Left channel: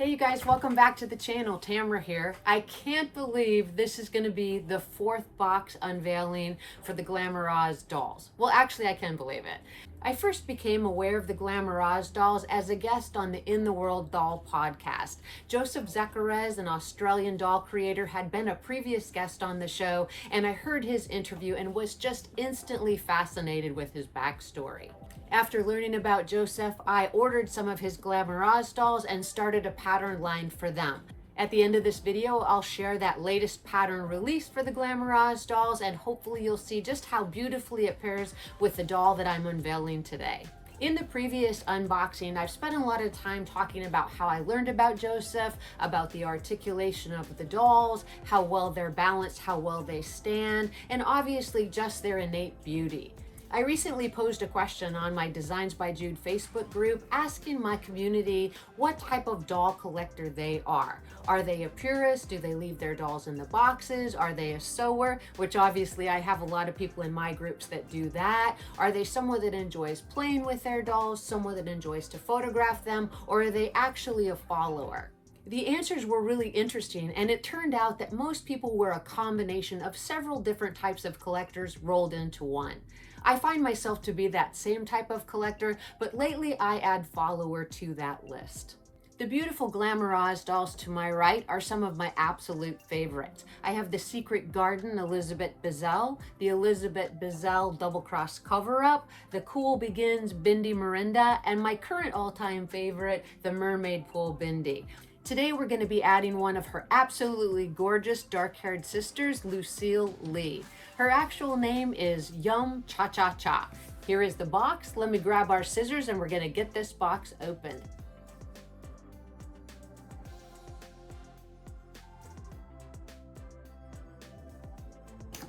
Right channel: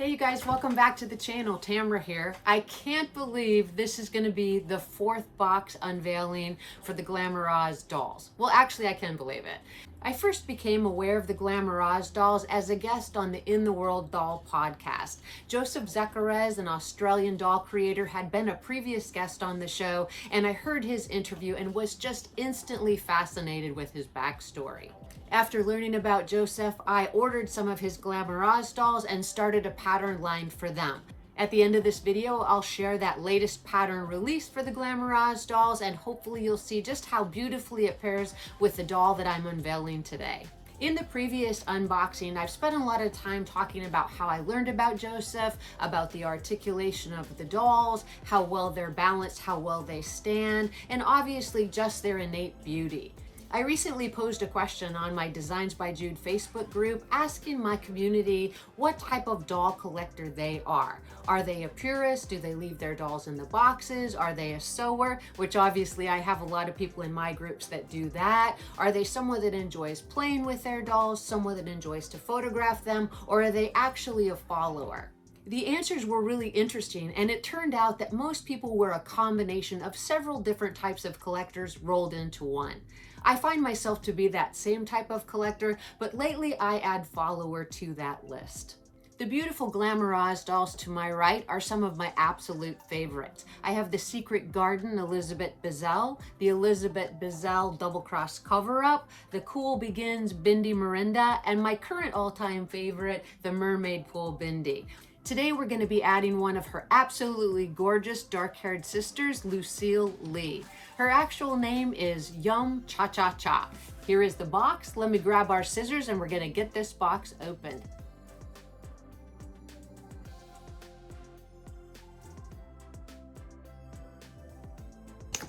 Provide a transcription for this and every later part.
Hey you guys, welcome back to the channel. Tamara here. I can't believe this is going to be the fourth box unveiling for the GlamourOZ dolls. Well, actually I can believe it. I first became aware of the GlamourOZ dolls as a guest on the In the World Doll podcast. Jozef Szekeres, an Australian doll creator, had been a previous guest on the show, and I heard his interview and was just instantly fascinated with his backstory. After learning about Jozef, I ordered some of his GlamourOZ dolls and started a pattern line for them. At the end of this video, I'll share that latest pattern release for the GlamourOZ dolls, and hopefully you'll see just how beautifully it pairs with the doll that I'm unveiling today. In the previous unboxing, I've spent a lot of time talking about how I learned about Jozef, about the articulation of the dolls, how well they're balanced, how well they stand, and obviously just their innate beauty. I recently posed a question on my Designs by Jude Facebook group asking my community what type of doll collector they are. Are they a purist? Do they leave their dolls in the boxes? Are they a sewer? Which obviously I have a lot of people in my groups that do that. Are they someone that enjoys playing with their dolls, someone that enjoys to photograph them, or are they actually a follower? The answers were really interesting, and it turned out that most people were a combination of several different types of collectors rolled into one. I find myself to be that same type of collector, but lately I add follower to that list. The beautiful GlamourOZ dolls to my right are some of my absolute favorites. I have the Secret Garden Elizabeth Bazell, the Elizabeth Bazell Double Cross Cover-Up, the Cool Begins Bindi Mirinda, and my current all-time favorite, the Mermaid Pool Bindi. Today we're going to be adding one of her absolutely gorgeous dark-haired sisters, Lucille Lei. Her actual name is Yum Cha Cha Cha. Here is the box. Let me grab our scissors and we're going to get this box opened.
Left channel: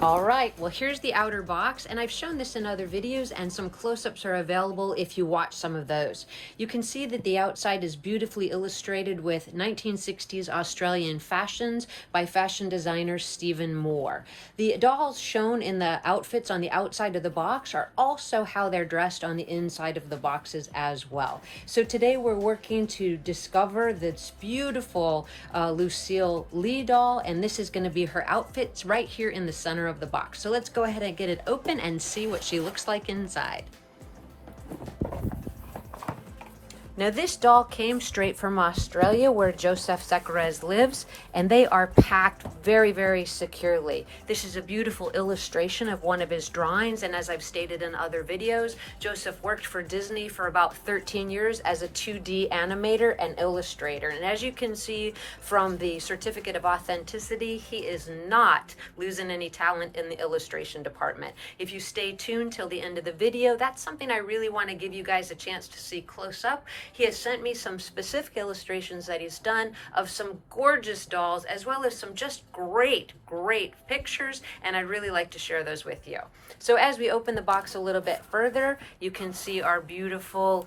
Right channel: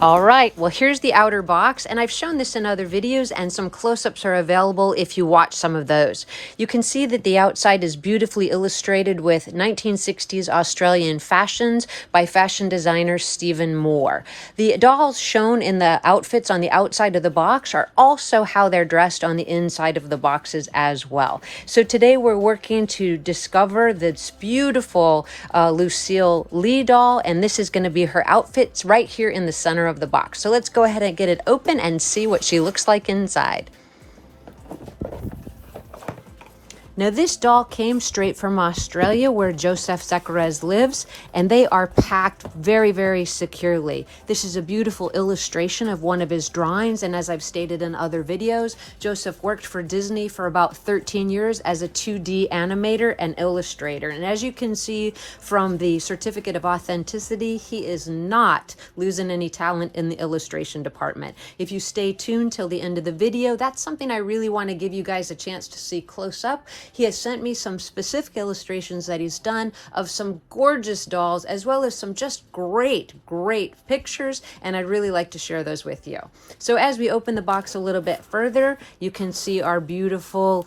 All right, well, here's the outer box, and I've shown this in other videos, and some close-ups are available if you watch some of those. You can see that the outside is beautifully illustrated with 1960s Australian fashions by fashion designer Stephen Moore. The dolls shown in the outfits on the outside of the box are also how they're dressed on the inside of the boxes as well. So today we're working to discover this beautiful Lucille Lei doll, and this is going to be her outfits right here in the center of the box. So let's go ahead and get it open and see what she looks like inside. Now this doll came straight from Australia where Jozef Szekeres lives, and they are packed very, very securely. This is a beautiful illustration of one of his drawings, and as I've stated in other videos, Jozef worked for Disney for about 13 years as a 2D animator and illustrator. And as you can see from the certificate of authenticity, he is not losing any talent in the illustration department. If you stay tuned till the end of the video, that's something I really want to give you guys a chance to see close up. He has sent me some specific illustrations that he's done of some gorgeous dolls, as well as some just great pictures, and I'd really like to share those with you. So as we open the box a little bit further, you can see our beautiful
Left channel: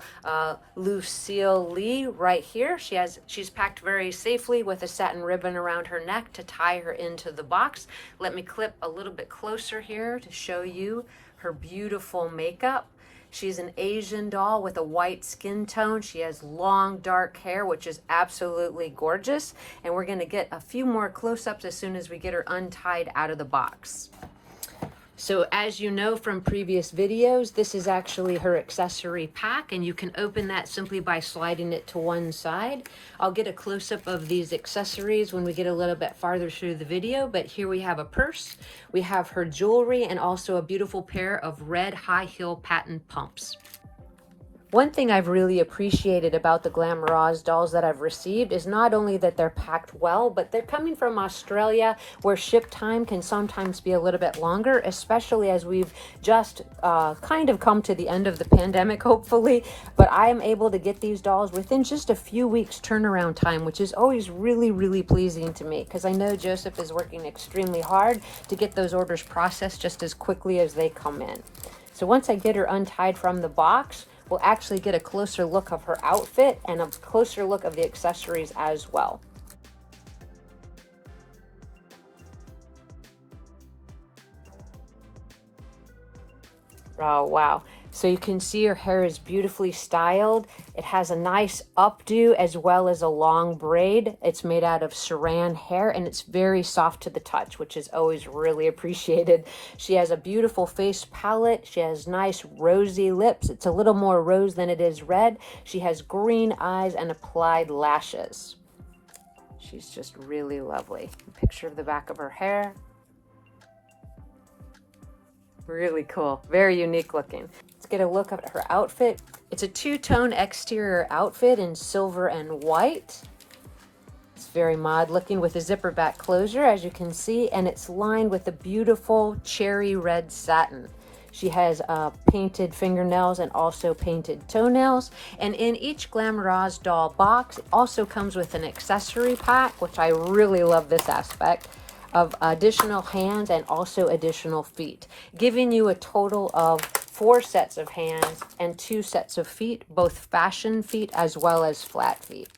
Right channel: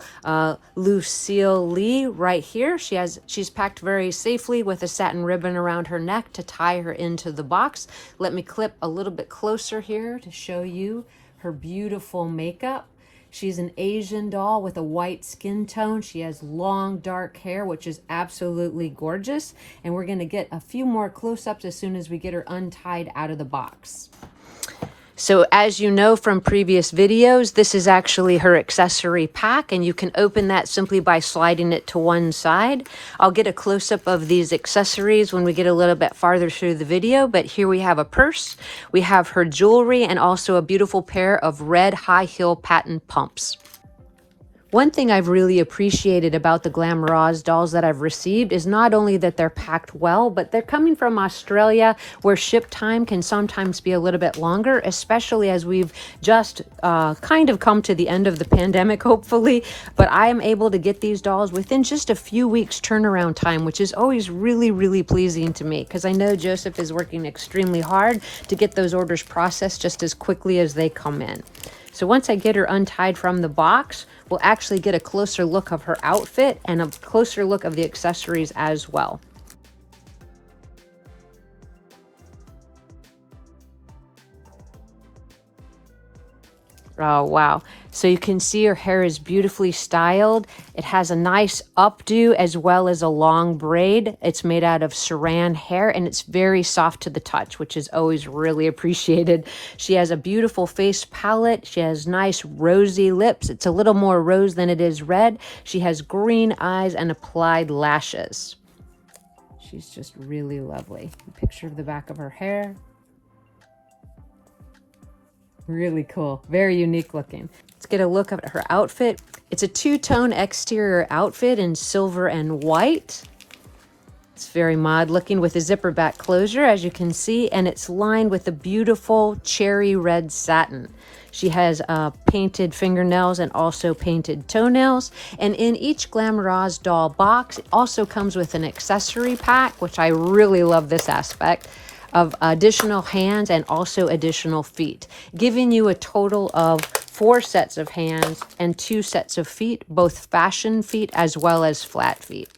Lucille Lei right here. She's packed very safely with a satin ribbon around her neck to tie her into the box. Let me clip a little bit closer here to show you her beautiful makeup. She's an Asian doll with a white skin tone. She has long dark hair, which is absolutely gorgeous. And we're going to get a few more close-ups as soon as we get her untied out of the box. So as you know from previous videos, this is actually her accessory pack, and you can open that simply by sliding it to one side. I'll get a close-up of these accessories when we get a little bit farther through the video, but here we have a purse, we have her jewelry, and also a beautiful pair of red high-heel patent pumps. One thing I've really appreciated about the GlamourOZ dolls that I've received is not only that they're packed well, but they're coming from Australia, where ship time can sometimes be a little bit longer, especially as we've just kind of come to the end of the pandemic, hopefully. But I am able to get these dolls within just a few weeks turnaround time, which is always really pleasing to me, because I know Jozef is working extremely hard to get those orders processed just as quickly as they come in. So once I get her untied from the box, we'll actually get a closer look of her outfit and a closer look of the accessories as well. Oh, wow. So you can see her hair is beautifully styled. It has a nice updo as well as a long braid. It's made out of saran hair and it's very soft to the touch, which is always really appreciated. She has a beautiful face palette. She has nice rosy lips. It's a little more rose than it is red. She has green eyes and applied lashes. She's just really lovely. A picture of the back of her hair. Really cool. Very unique looking. Let's get a look at her outfit. It's a two-tone exterior outfit in silver and white. It's very mod looking with a zipper back closure, as you can see, and it's lined with a beautiful cherry red satin. She has painted fingernails and also painted toenails. And in each GlamourOZ doll box, it also comes with an accessory pack, which I really love this aspect, of additional hands and also additional feet, giving you a total of 4 sets of hands and 2 sets of feet, both fashion feet as well as flat feet.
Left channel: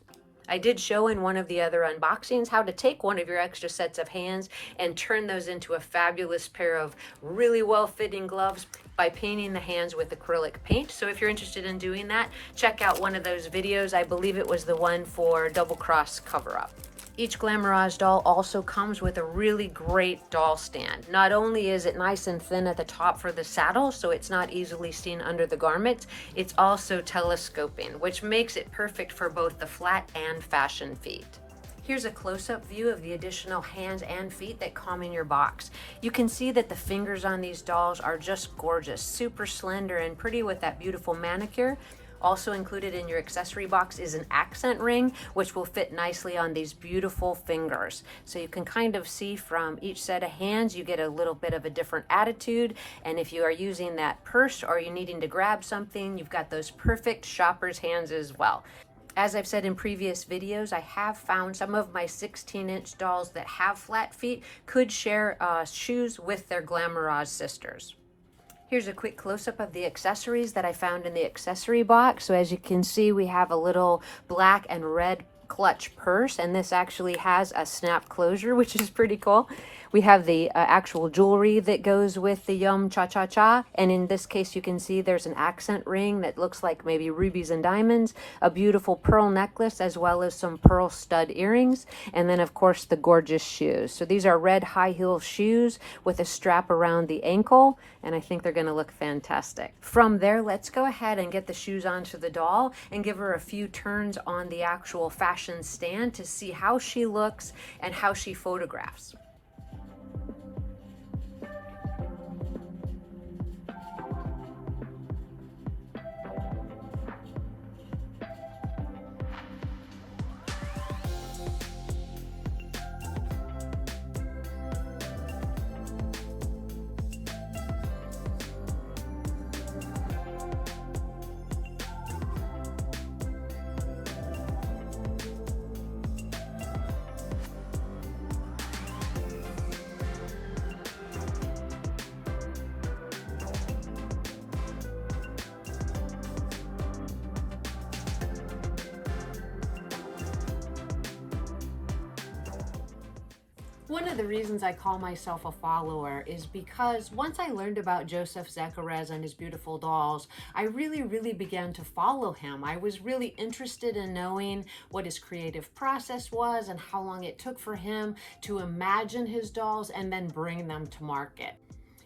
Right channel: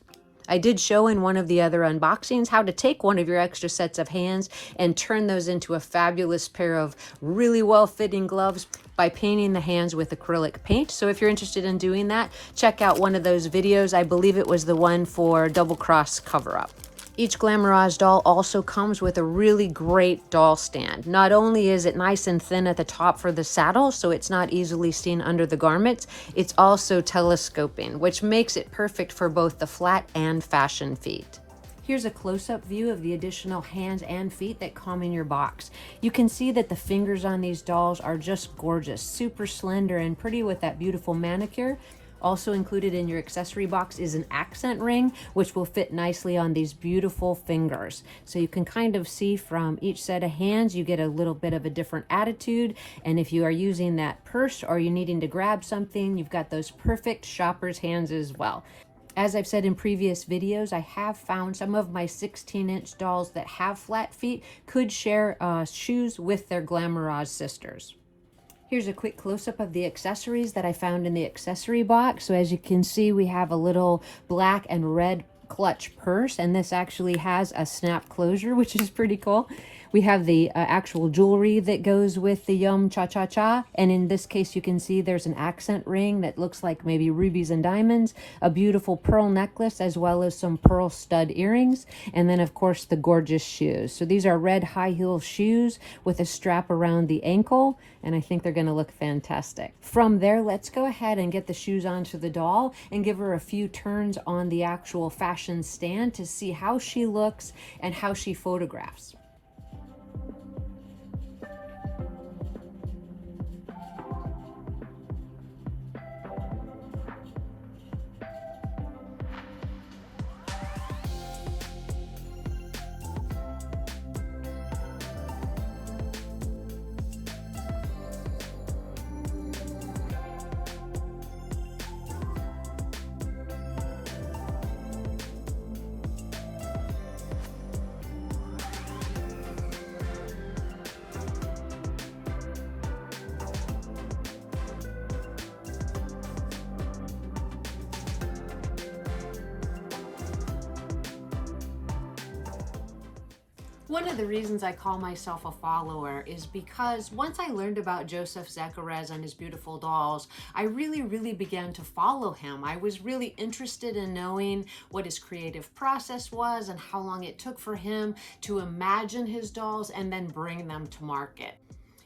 I did show in one of the other unboxings how to take one of your extra sets of hands and turn those into a fabulous pair of really well-fitting gloves by painting the hands with acrylic paint. So if you're interested in doing that, check out one of those videos. I believe it was the one for Double Cross cover-up. Each GlamourOZ doll also comes with a really great doll stand. Not only is it nice and thin at the top for the saddle, so it's not easily seen under the garments, it's also telescoping, which makes it perfect for both the flat and fashion feet. Here's a close-up view of the additional hands and feet that come in your box. You can see that the fingers on these dolls are just gorgeous, super slender and pretty with that beautiful manicure. Also included in your accessory box is an accent ring, which will fit nicely on these beautiful fingers. So you can kind of see from each set of hands, you get a little bit of a different attitude. And if you are using that purse or you're needing to grab something, you've got those perfect shopper's hands as well. As I've said in previous videos, I have found some of my 16-inch dolls that have flat feet could share shoes with their GlamourOZ sisters. Here's a quick close-up of the accessories that I found in the accessory box. So as you can see, we have a little black and red clutch purse, and this actually has a snap closure, which is pretty cool. We have the actual jewelry that goes with the Yum Cha Cha Cha, and in this case you can see there's an accent ring that looks like maybe rubies and diamonds, a beautiful pearl necklace, as well as some pearl stud earrings, and then of course the gorgeous shoes. So these are red high heel shoes with a strap around the ankle, and I think they're going to look fantastic. From there, let's go ahead and get the shoes onto the doll and give her a few turns on the actual fashion stand to see how she looks and how she photographs. One of the reasons I call myself a follower is because once I learned about Jozef Szekeres and his beautiful dolls, I really began to follow him. I was really interested in knowing what his creative process was and how long it took for him to imagine his dolls and then bring them to market.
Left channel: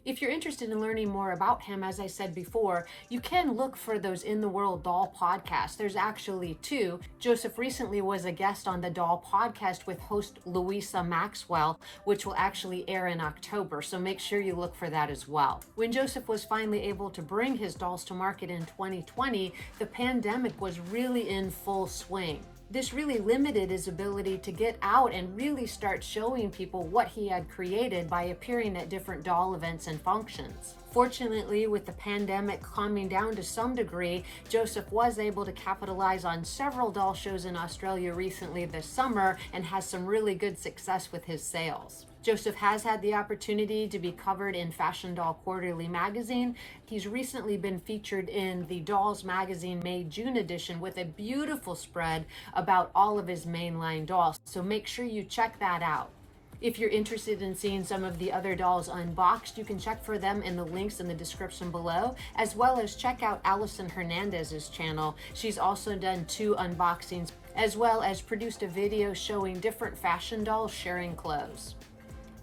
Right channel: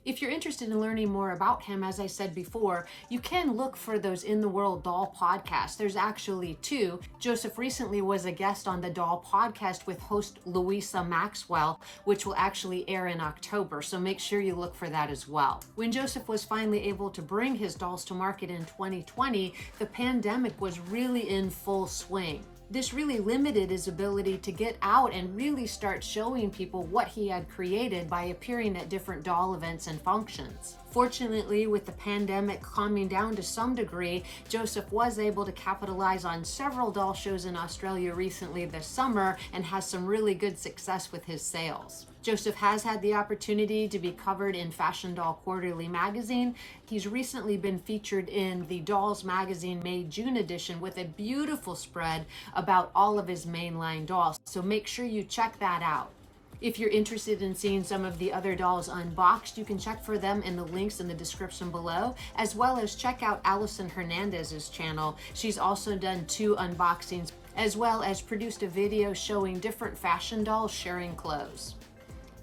If you're interested in learning more about him, as I said before, you can look for those In the World Doll podcasts. There's actually 2. Jozef recently was a guest on the Doll podcast with host Louisa Maxwell, which will actually air in October, so make sure you look for that as well. When Jozef was finally able to bring his dolls to market in 2020, the pandemic was really in full swing. This really limited his ability to get out and really start showing people what he had created by appearing at different doll events and functions. Fortunately, with the pandemic calming down to some degree, Jozef was able to capitalize on several doll shows in Australia recently this summer and has some really good success with his sales. Jozef has had the opportunity to be covered in Fashion Doll Quarterly magazine. He's recently been featured in the Dolls magazine May June edition with a beautiful spread about all of his mainline dolls, so make sure you check that out. If you're interested in seeing some of the other dolls unboxed, you can check for them in the links in the description below, as well as check out Allison Hernandez's channel. She's also done 2 unboxings, as well as produced a video showing different fashion dolls sharing clothes.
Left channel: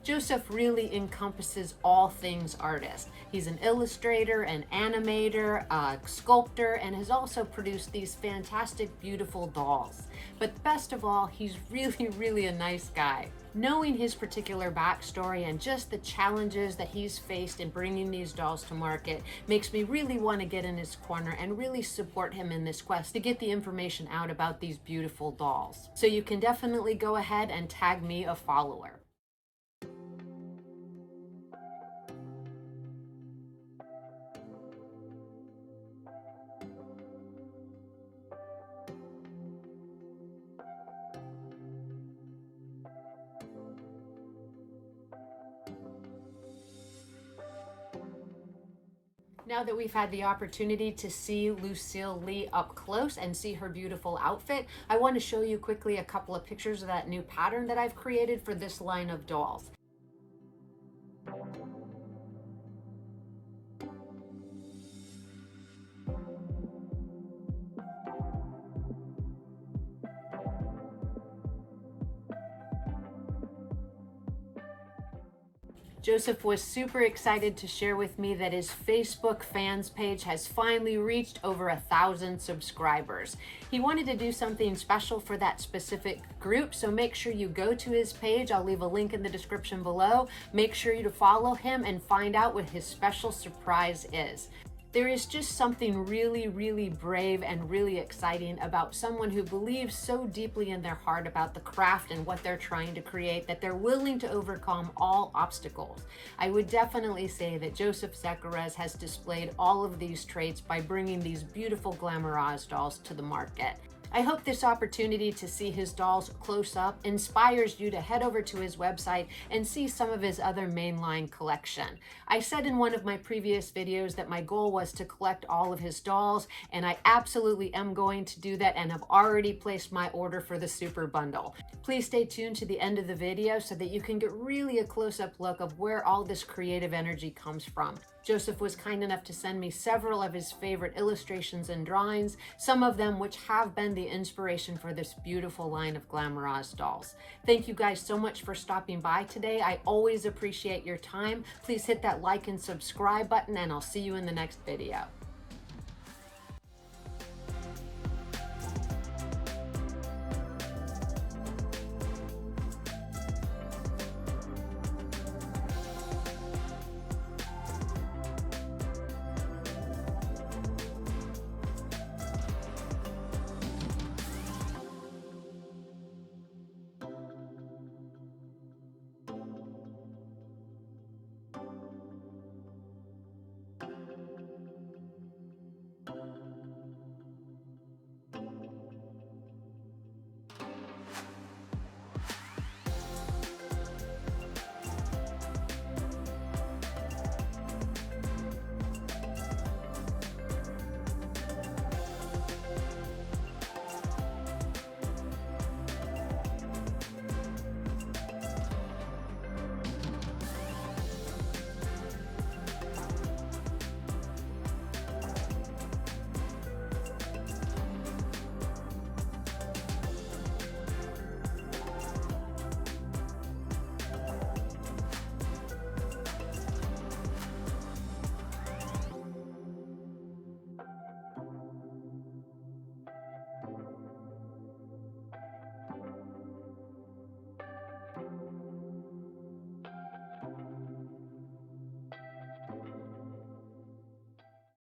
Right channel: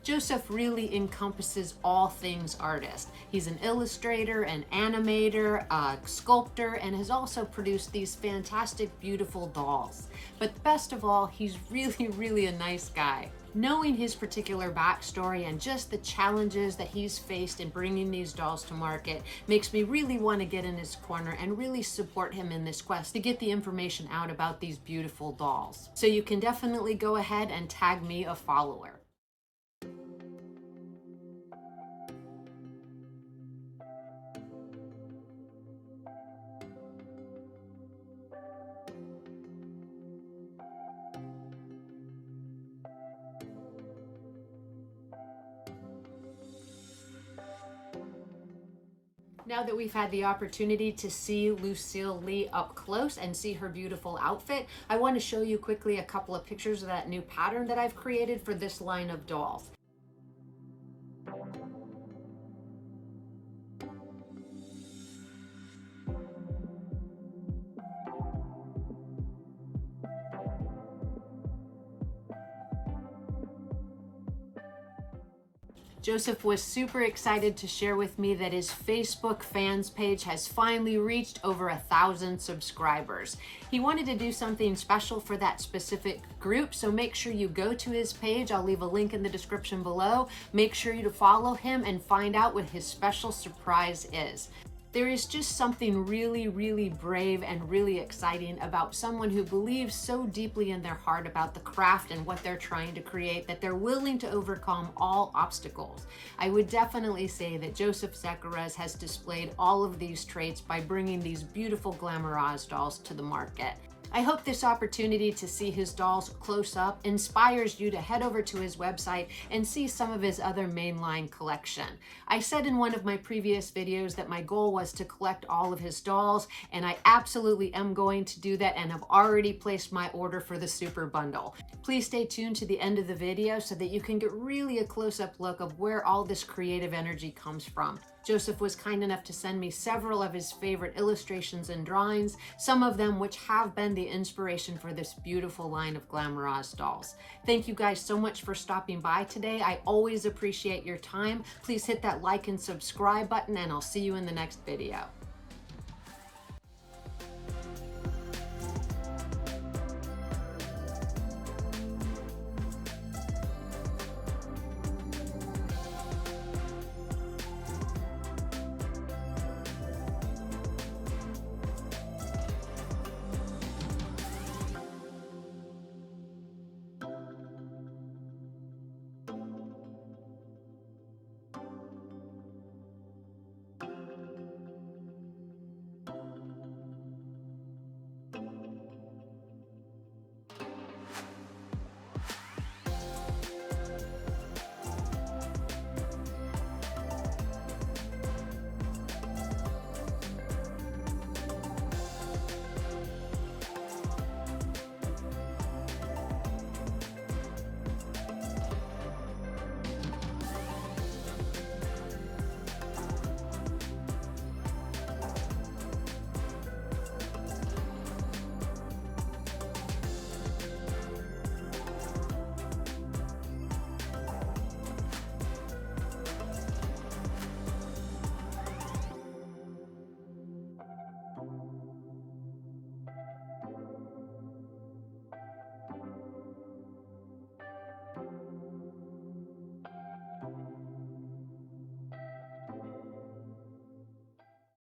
Jozef really encompasses all things artist. He's an illustrator, an animator, a sculptor, and has also produced these fantastic, beautiful dolls. But best of all, he's really a nice guy. Knowing his particular backstory and just the challenges that he's faced in bringing these dolls to market makes me really want to get in his corner and really support him in this quest to get the information out about these beautiful dolls. So you can definitely go ahead and tag me a follower. Now that we've had the opportunity to see Lucille Lei up close and see her beautiful outfit, I want to show you quickly a couple of pictures of that new pattern that I've created for this line of dolls. Jozef was super excited to share with me that his Facebook fans page has finally reached over 1,000 subscribers. He wanted to do something special for that specific group, so make sure you go to his page. I'll leave a link in the description below. Make sure you to follow him and find out what his special surprise is. There is just something really brave and really exciting about someone who believes so deeply in their heart about the craft and what they're trying to create that they're willing to overcome all obstacles. I would definitely say that Jozef Szekeres has displayed all of these traits by bringing these beautiful GlamourOZ dolls to the market. I hope this opportunity to see his dolls close up inspires you to head over to his website and see some of his other mainline collection. I said in one of my previous videos that my goal was to collect all of his dolls, and I absolutely am going to do that and have already placed my order for the super bundle. Please stay tuned to the end of the video so that you can get really a close-up look of where all this creative energy comes from. Jozef was kind enough to send me several of his favorite illustrations and drawings, some of them which have been the inspiration for this beautiful line of GlamourOZ dolls. Thank you guys so much for stopping by today. I always appreciate your time. Please hit that like and subscribe button, and I'll see you in the next video.